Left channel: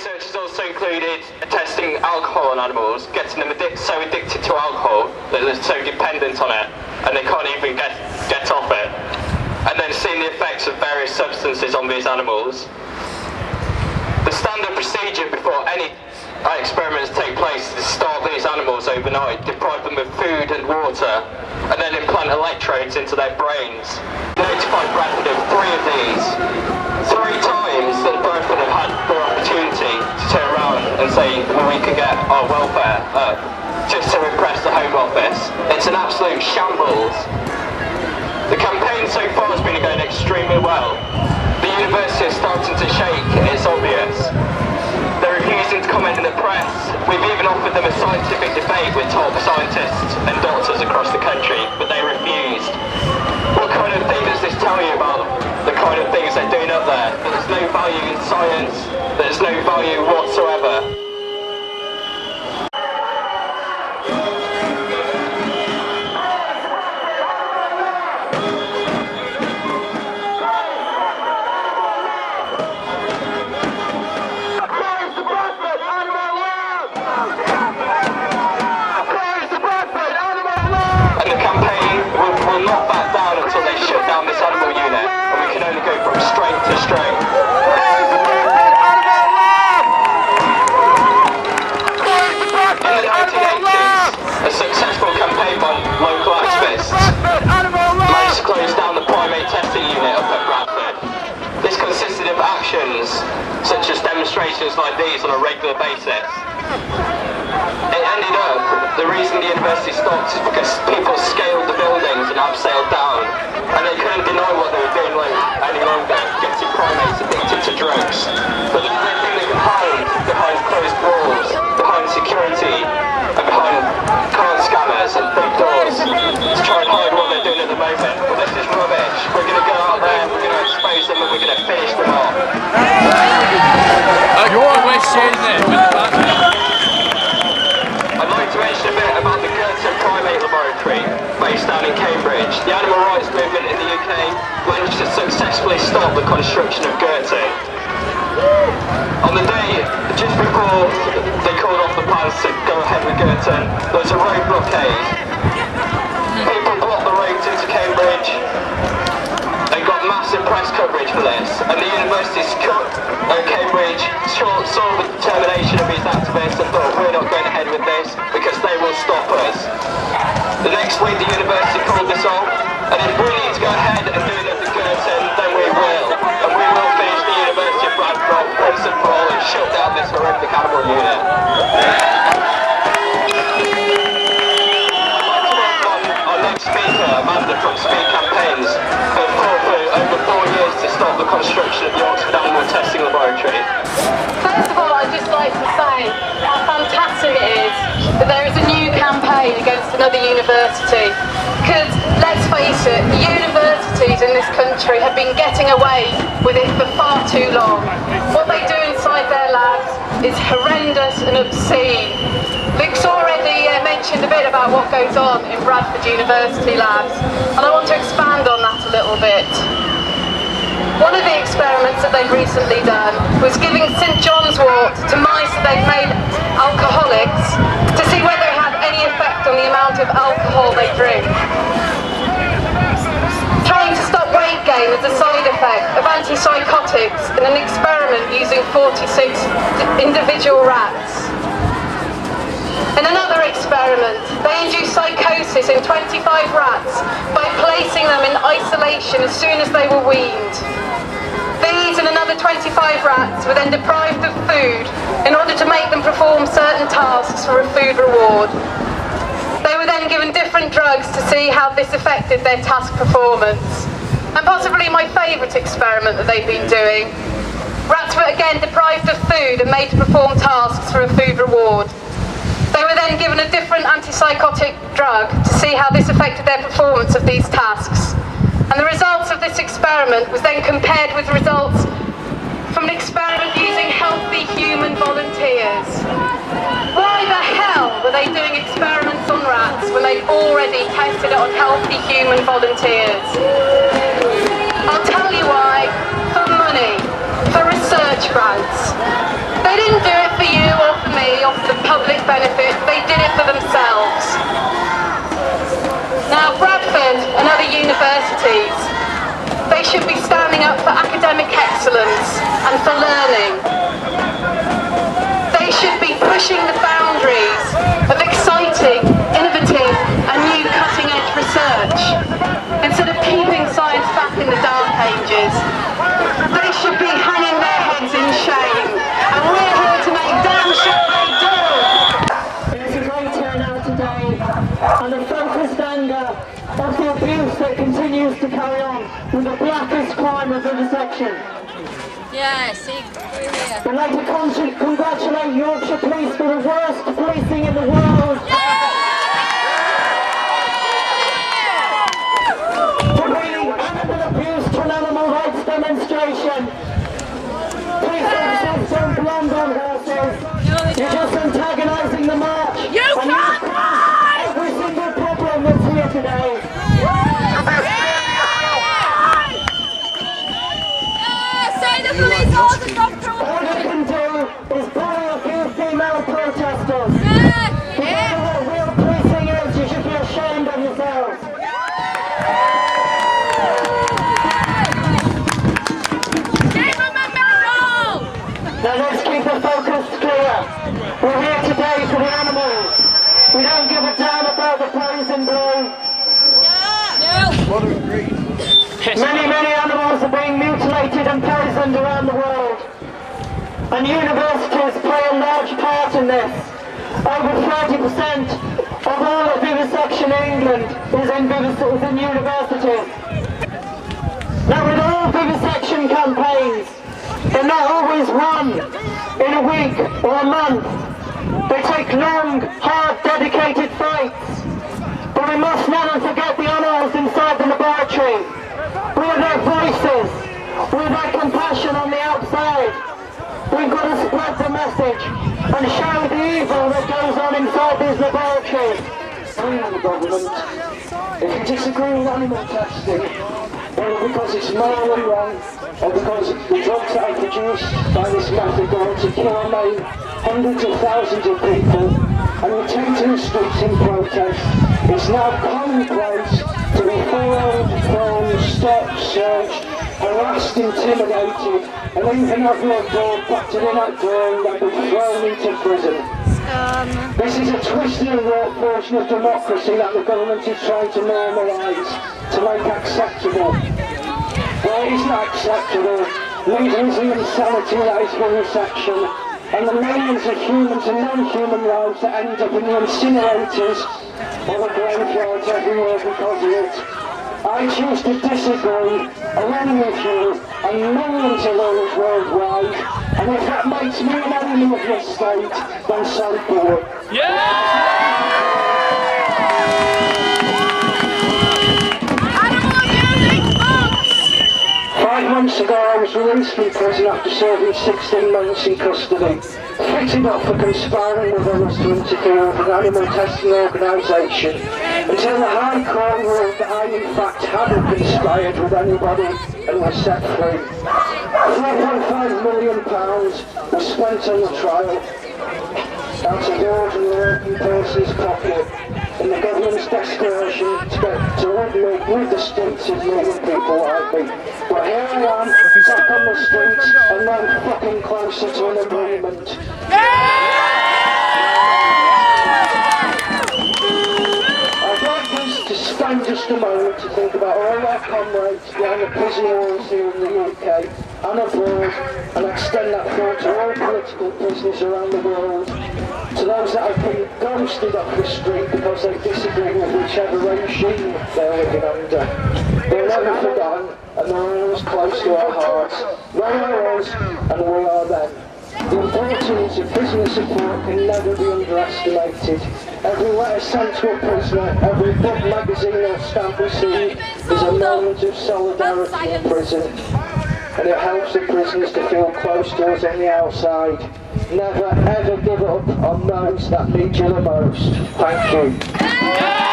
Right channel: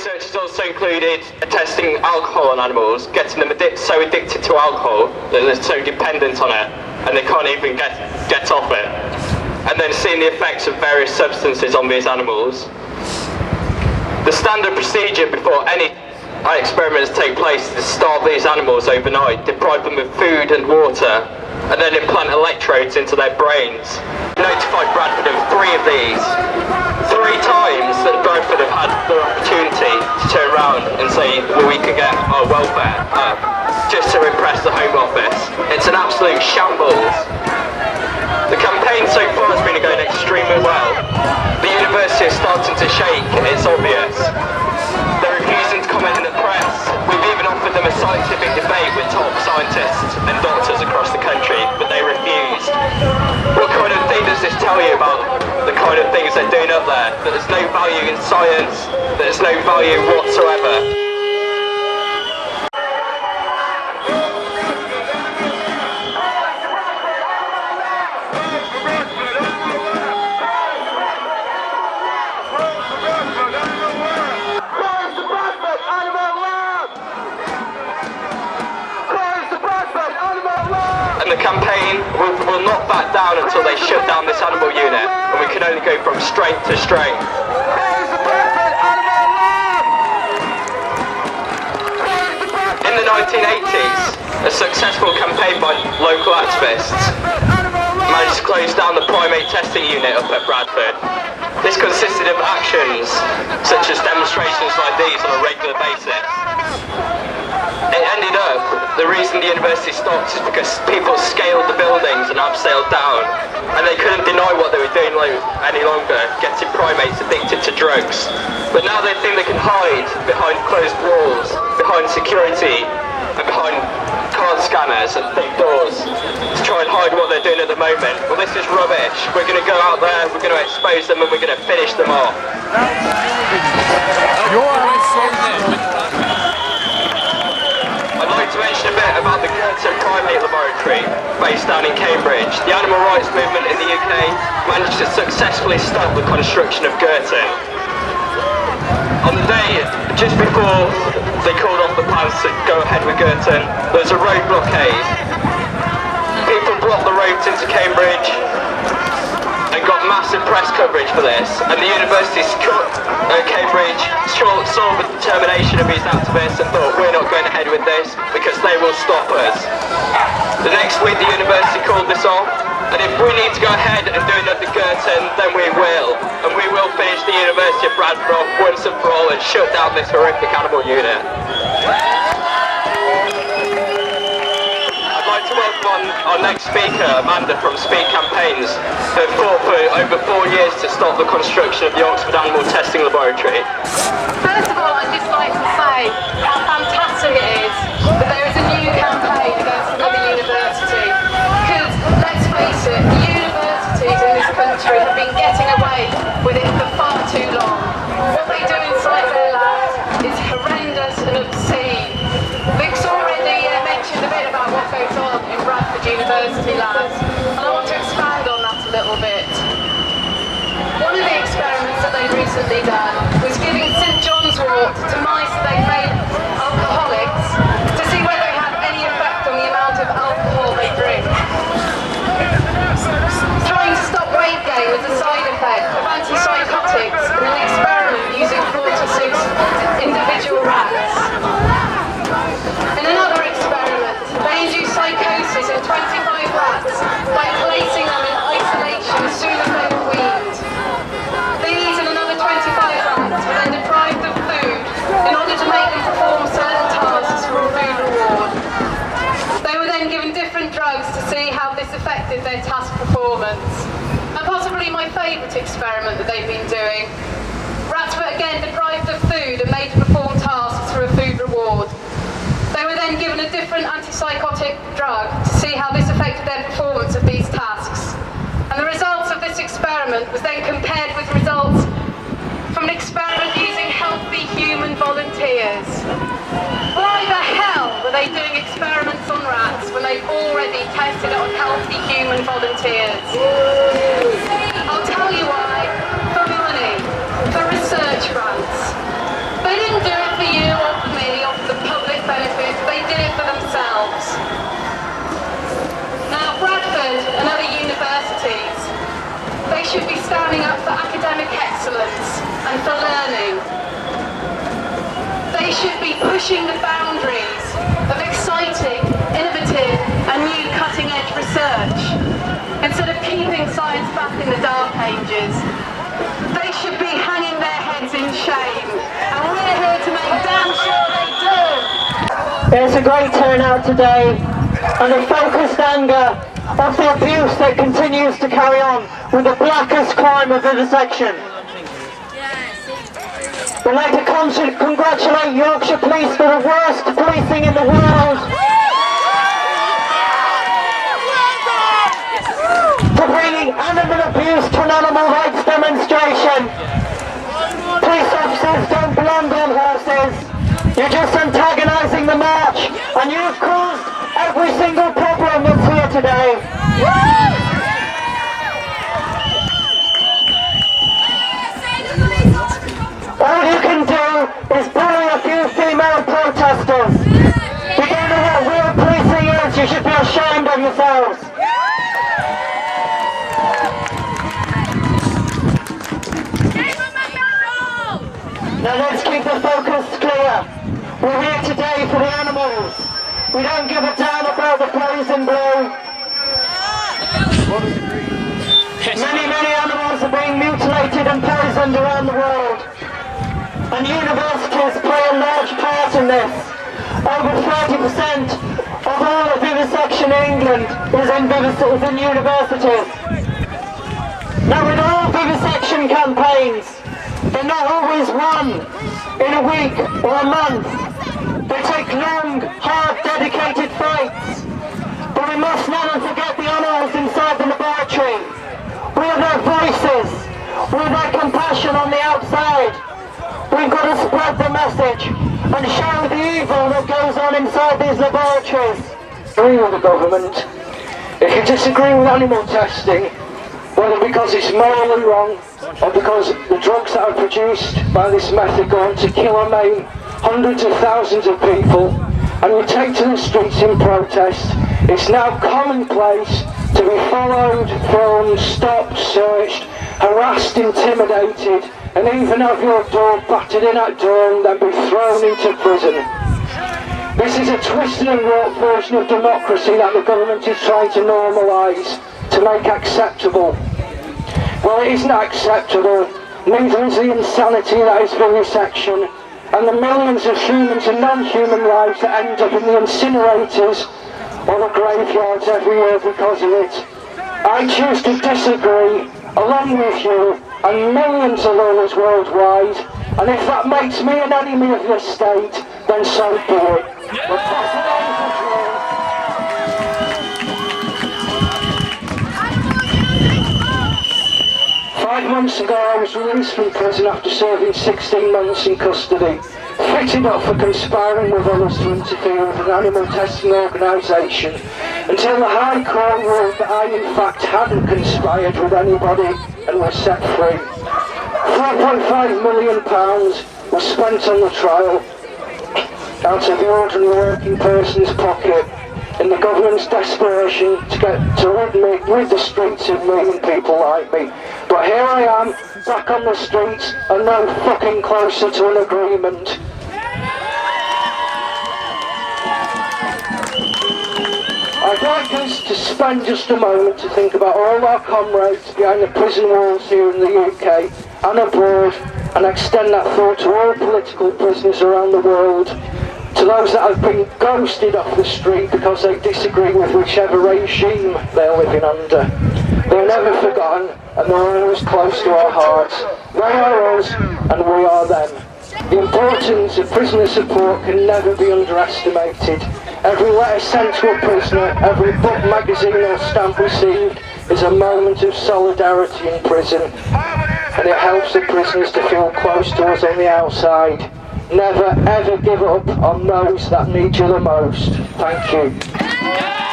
research has also included testing alcohol on animals, getting them so addicted to alcohol that they're so dependent on it and they can't even get off it. And then seeing the effects of various substances on these animals. The standard procedure before any experiments take place is to starve these animals overnight, deprive them of food and water, and then implant electrodes into their brains. We notified Bradford of 3 of these. 3 times that Bradford have had the opportunity to turn around and say, well, we can get our welfare up, just to impress the Home Office. It's an absolute shambles. The campaign so far has been going extremely well. The university is starting to shake, it's obvious. They're refusing to comment in the press. We've even offered them a scientific debate with top scientists and doctors across the country, but they refused. What kind of thing does this tell you about the kind of things they're doing up there? That there's no value in science, that there's no value whatsoever. The campaign will not back down until they shut down this animal unit, and we can only go from strength to strength. In the 1980s, a successful campaign by local activists managed to close down the primate testing unit up at Bradford. This consisted of actions such as demonstrations like these on a regular basis. It ended up, the reason the university stopped is because people scaled the buildings and abseiled down, and they couldn't deny what they were doing any longer, getting primates addicted to drugs. But now they think they can hide behind closed walls, behind security, and behind card scanners and big doors to try and hide what they're doing at the moment. Well, this is rubbish. We're going to go out there, we're going to expose them, and we're going to finish them off. I'd like to mention a bit about the Girton Primate Laboratory, based down in Cambridge. The animal rights movement in the UK managed to successfully stop the construction of Girton. On the day just before they called off the plans to go ahead with Girton, there was a road blockade. People blocked the roads into Cambridge and got massive press coverage for this, and the University of Cambridge saw the determination of these activists and thought, we're not going ahead with this because they will stop us. The next week the university called this off, and if we need to go ahead and do another Girton, then we will, and we will finish the University of Bradford off once and for all and shut down this horrific animal unit. Our next speaker, Amanda from Speed Campaigns, who fought for over 4 years to stop the construction of the Oxford Animal Testing Laboratory. First of all, I'd just like to say how fantastic it is that there is a new campaign against another university. Because, let's face it, the universities in this country have been getting away with it for far too long. What they do inside their labs is horrendous and obscene. Luke's already mentioned a bit about what goes on in Bradford University labs, and I want to expand on that a little bit. One of the experiments that they've recently done was giving St John's wort to mice that they'd made alcoholics to see whether it had any effect on the amount of alcohol they drink. Trying to stop weight gain was a side effect of antipsychotics in an experiment using 46 individual rats. In another experiment, they induced psychosis in 25 rats by placing them in isolation as soon as they were weaned. These and another 25 rats were then deprived of food in order to make them perform certain tasks for a food reward. They were then given different drugs to see how this affected their task performance. And possibly my favourite experiment that they've been doing. Rats were again deprived of food and made to perform tasks for a food reward. They were then given a different antipsychotic drug to see how this affected their performance of these tasks. And the results of this experiment was then compared with results from an experiment using healthy human volunteers. Why the hell were they doing experiments on rats when they'd already tested it on healthy human volunteers? I'll tell you why. For money. For research grants. They didn't Bradford and other universities, they should be standing up for academic excellence and for learning. They should be pushing the boundaries of exciting, innovative and new cutting-edge research instead of keeping science back in the dark ages. They should be hanging their heads in shame, and we're here to make damn sure they do. There's a great turnout today, and a focused anger of the abuse that continues to carry on with the blackest crime of vivisection. We'd like to congratulate Yorkshire Police for the worst policing in the world, for bringing animal abuse to an animal rights demonstration. Police officers don't belong on horses. You're just antagonising the march, and you've caused every single problem that's here today. All you can do is bully a few female protesters. You don't know what real policing is, you should be ashamed of yourselves. Now let's keep the focus clear. We're here today for the animals. We don't give a damn about the poison blue. Many animals are being mutilated and poisoned around the world. And universities play a large part in this. Over 30% of all the vivisection in England is in universities. Now with all vivisection campaigns, they're not always won in a week or a month. They take long, hard, dedicated fights. But we must never forget the animals inside the laboratory. We are their voices. We're their compassion on the outside. We've got to spread the message and show the evil that goes on inside these laboratories. Agree with the government. If you disagree with animal testing, whether because it's morally wrong or because the drugs that are produced by this method go on to kill or maim hundreds of thousands of people, and you take to the streets in protest, it's now commonplace to be followed, filmed, stopped, searched, harassed, intimidated, and even have your door battered in at dawn and be thrown into prison. This is a twisted and warped version of democracy that the government is trying to normalise, to make acceptable. Well, it isn't acceptable, neither is the insanity that is vivisection, and the millions of humans and non-human lives that end up in the incinerators or the graveyards every year because of it. I choose to disagree, along with you and millions of others worldwide, and if that makes me an enemy of this state, then so be it. Yeah! 5 months ago I was released from prison after serving 16 months in custody, fitted up for conspiring with others to interfere with an animal testing organisation, until the High Court ruled that I in fact hadn't conspired with anybody and was set free. £3.5 million was spent on the trial, out of the ordinary working person's pocket, in the government's desperation to get to rid the streets of me and people like me. But here I am, back on the streets, and no fucking closer to an agreement. I'd like us to spend just a moment to think about all our comrades behind the prison walls here in the UK and abroad, and extend that thought to all political prisoners around the world, to those that have been ghosted off the street because they disagree with whichever regime they're living under. They're never forgotten, and they're always close to our hearts. They are us, and we are them. The importance of prisoner support can never be underestimated. Every letter sent to a prisoner, every book, magazine or stamp received is a moment of solidarity in prison, and it helps the prisoners to feel close to us on the outside. Never ever give up on those that need you the most. Thank you.